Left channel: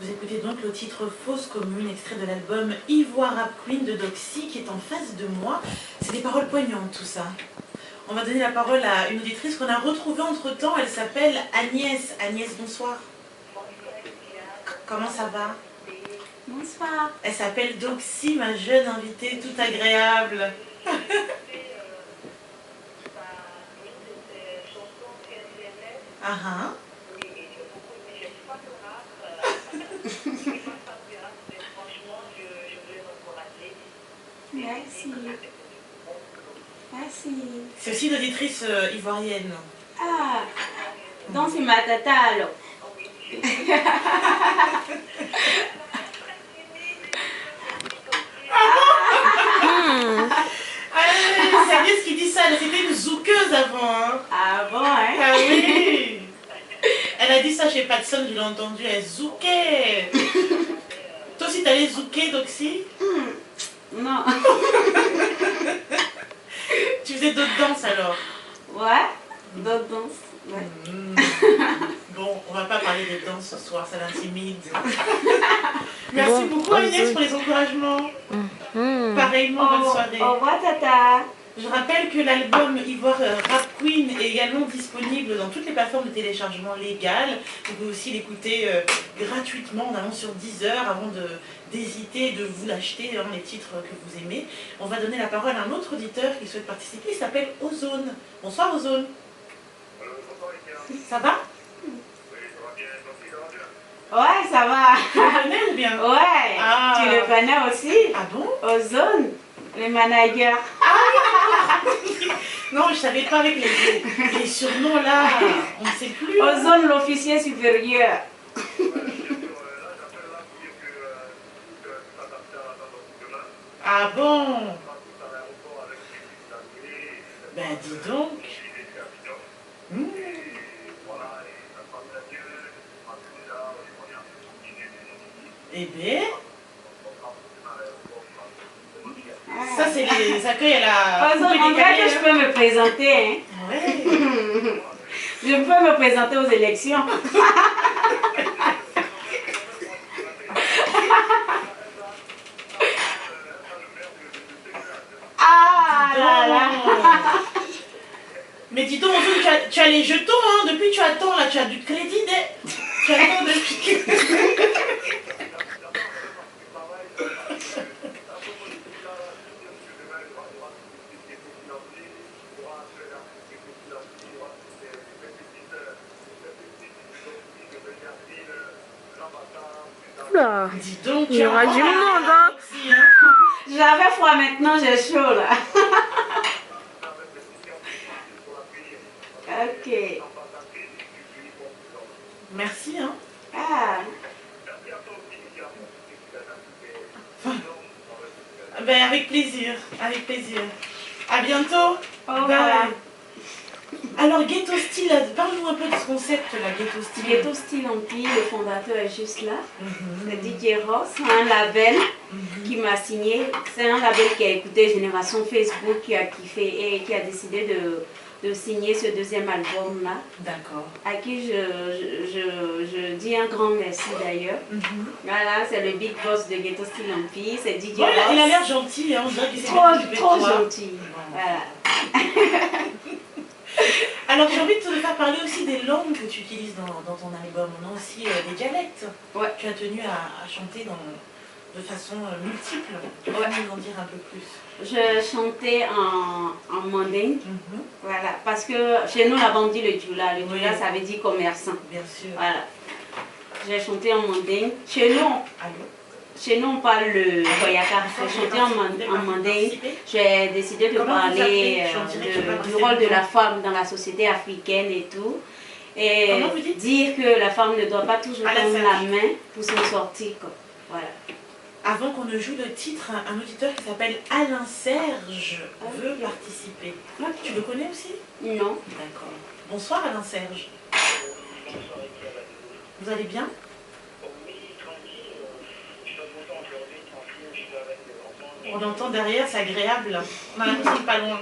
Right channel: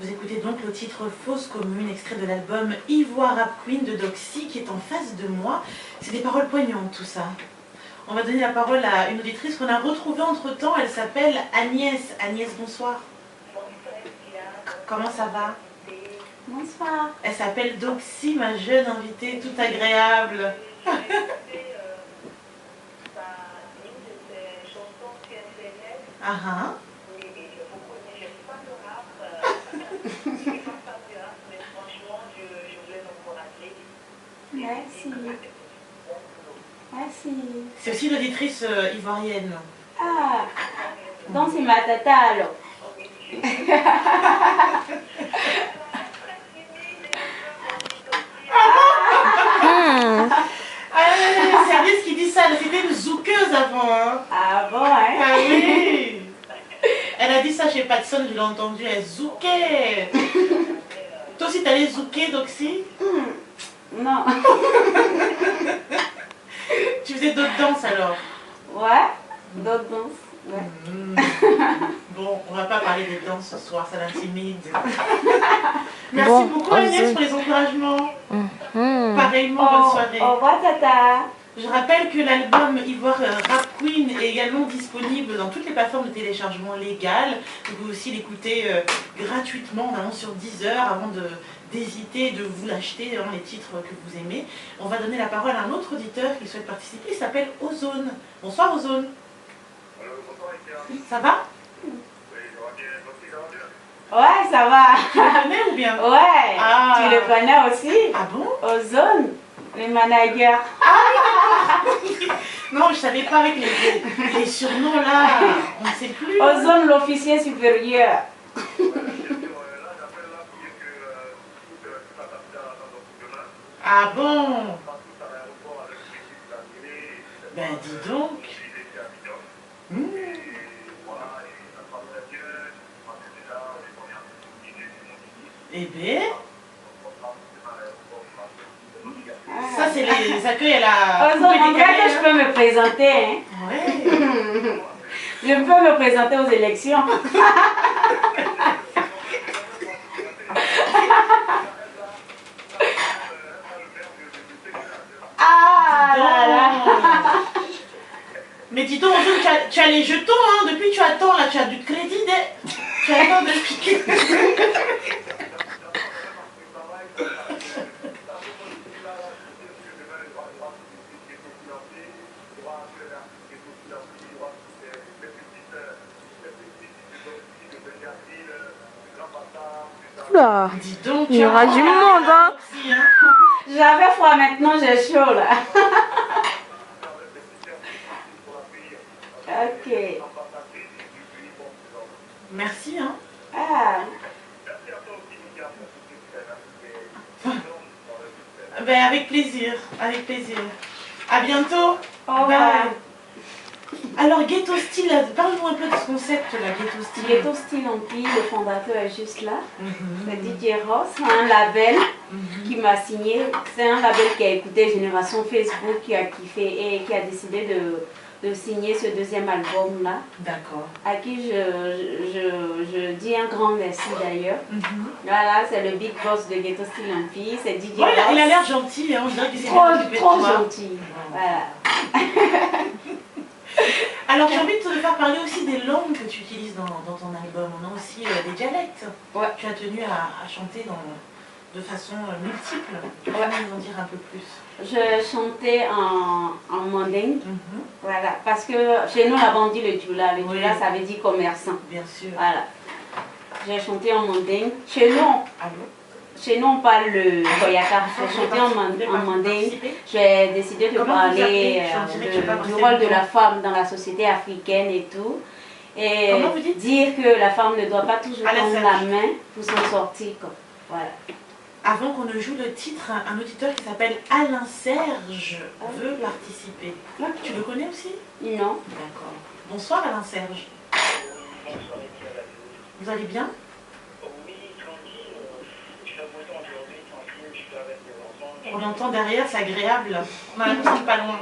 Vous écoutez donc le titre Fausse Commune, extrait de l'album Ivoire Rap Queen de Doxy, qui est en face de moi. C'est des paroles poignantes, tout ça. On va donner la parole à une auditrice qu'on a retrouvée entre-temps. Elle s'appelle Agnès. Agnès, bonsoir. Comment ça va? Bonsoir. Elle s'appelle Doxy, ma jeune invitée, toute agréable. Ah ah. Merci. Merci. C'est aussi l'auditrice ivoirienne. Ah, donc c'est ma tata alors. C'est Agnès qui dit ça, elle était une zoukeuse avant. Hein. Ah bon, hein? Ah oui. Elle a dit ça chez Patson, je l'ai entendu, elle zoukait. Toi aussi t'allais zouker, Doxy? Non. Tu faisais d'autres danses alors? Ouais, d'autres danses. Ouais. Bon, on va pas parler de danse ce soir, ça l'intimide. Merci beaucoup Agnès pour les encouragements. Pareillement, bonne soirée. Au revoir tata. Je rappelle que l'album Ivoire Rap Queen est également disponible dans toutes les plateformes de téléchargement légales. Vous pouvez aussi l'écouter gratuitement en allant sur Deezer avant d'hésiter de vous l'acheter, hein, les titres que vous aimez. On va donner la parole à un autre auditeur qui souhaite participer, il s'appelle Ozone. Bonsoir Ozone. Ça va? Ouais, ça va. Tu le connais ou bien? Ouais, Ah. tu le connais aussi? Ah bon? Ozone, le manager. Non, je savais pas avec les surnoms là, on ne sait plus. Ozone, l'officier supérieur. Ah bon? Ben dis donc. Eh bien, ça c'est les accueils à la... Ozone, on dirait que je peux me présenter. Hein? Ouais. Je peux me présenter aux élections. Ah là là. Mais dis donc, tu as les jetons, hein. Depuis tu attends, là, tu as du crédit. Tu attends depuis... Oula, Dis donc, il y aura du monde, hein. J'avais froid, maintenant j'ai chaud là. Ok. Merci, hein. Ah. Ben, avec plaisir, avec plaisir. À bientôt. Au revoir. Bye. Alors, Ghetto Style, parle-nous un peu de ce concept là, Ghetto Style. Ghetto Style Empire, le fondateur est juste là. C'est DJ Ross, un label qui m'a signé. C'est un label qui a écouté Génération Facebook, qui a kiffé et qui a décidé de signer ce deuxième album là. D'accord. À qui je dis un grand merci d'ailleurs. Voilà, c'est le big boss de Ghetto Style Empire, c'est DJ Ouais, Ross. il a l'air gentil, hein. On dirait que c'est Trop gentil. Voilà. Alors j'ai envie de te faire parler aussi des langues que tu utilises dans ton album. On a aussi des dialectes. Ouais. Tu as tenu à chanter de façon multiple. Tu peux nous en dire un peu plus? Je chantais en mandingue. Voilà, parce que chez nous là-bas on dit le djoula. Le djoula ça veut dire commerçant. Bien sûr. Voilà. J'ai chanté en mandingue. Chez nous on parle le koyaka. J'ai chanté en mandingue. J'ai décidé de parler du rôle de la femme dans la société africaine et tout. Et dire que la femme ne doit pas toujours tendre la main pour s'en sortir. Quoi. Voilà. Avant qu'on ne joue le titre, un auditeur qui s'appelle Alain Serge veut participer. Tu le connais aussi? Non. D'accord. Bonsoir Alain Serge. Vous allez bien? On entend derrière, c'est agréable. On a l'impression de pas loin.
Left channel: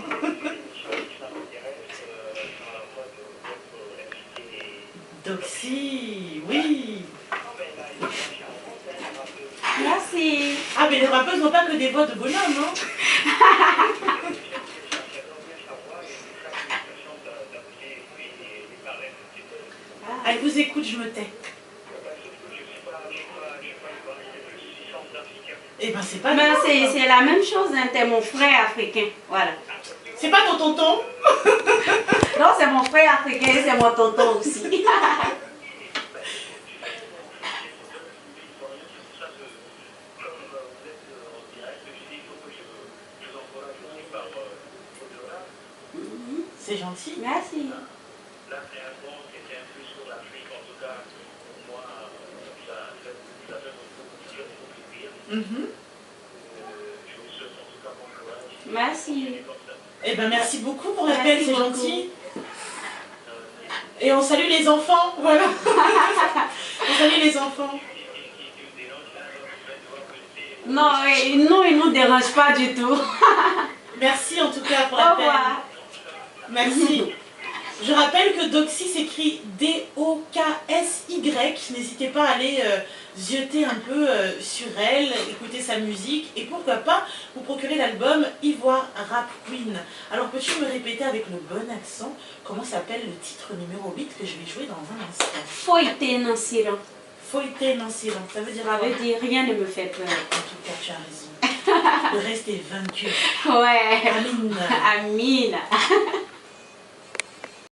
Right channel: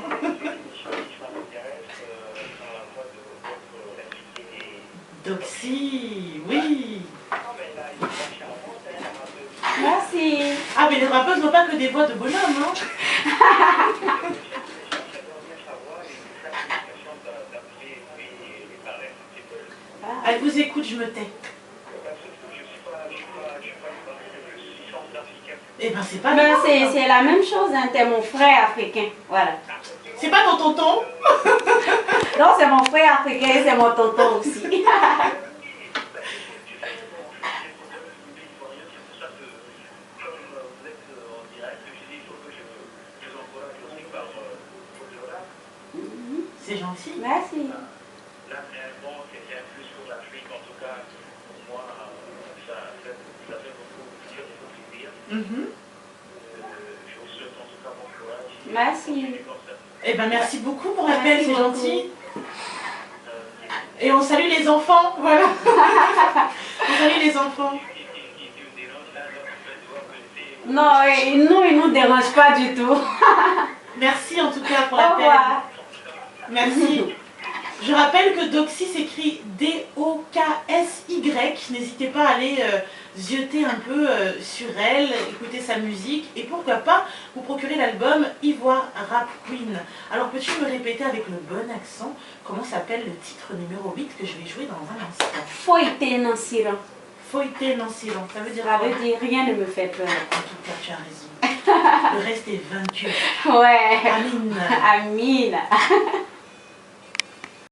Doxy, oui. Merci. Ah, mais les rappeuses n'ont pas que des voix de bonhomme, hein. Elle vous écoute, je me tais. Eh ben, c'est pas Mais grave. c'est la même chose, hein. T'es mon frère africain. Voilà. C'est pas ton tonton? Non, c'est mon frère africain, c'est mon tonton aussi. C'est gentil. Merci. Là, réellement, c'était un peu sur l'Afrique, en tout cas, pour moi, ça fait beaucoup plaisir. Je vous souhaite en tout cas bon courage. Merci. Eh ben, merci beaucoup pour l'appel, Merci c'est beaucoup. gentil. Et on salue les enfants, voilà. On salue les enfants. Non, nous, il ne nous dérange pas du tout. Merci en tout cas pour Au l'appel. revoir. Merci. Je rappelle que Doxy s'écrit D-O-K-S-Y. N'hésitez pas à aller zioter un peu sur elle, écouter sa musique et pourquoi pas vous procurer l'album Ivoire Rap Queen. Alors peux-tu me répéter avec le bon accent comment s'appelle le titre numéro 8 que je vais jouer dans un instant? Foïté non siran. Foïté non silence, ça veut dire Ça quoi? veut dire rien ne me fait peur. En tout cas, tu as raison. Le reste est vaincu. Ouais. Amine. Amine.